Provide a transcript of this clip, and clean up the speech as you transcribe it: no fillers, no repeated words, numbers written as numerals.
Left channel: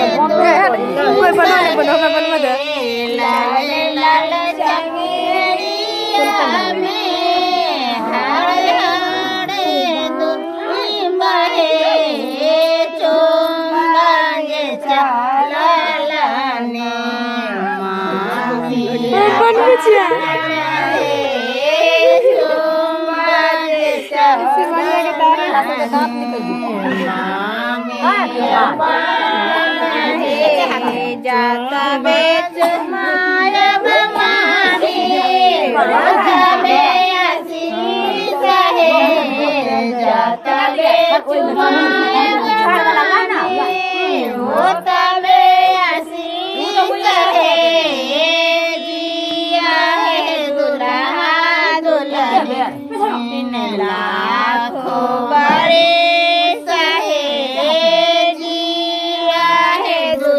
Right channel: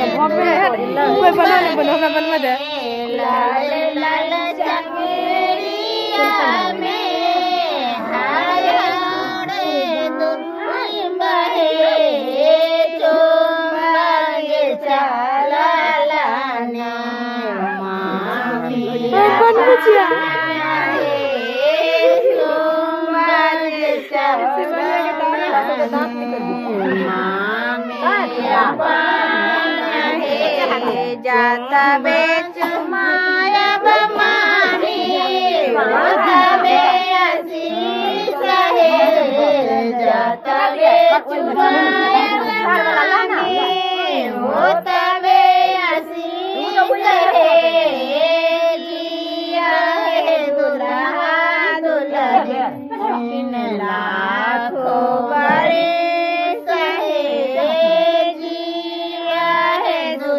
कोई बनाने बनो मैं बन मत लाल लाल जंगलिया में हाड़े हाड़े दुखी बहे चुम्बंगे चलालाने बन बुझिया चुम्बंगे चलालाने जाता बेच माया बमानी जाबे आशीष है जाता बेच माया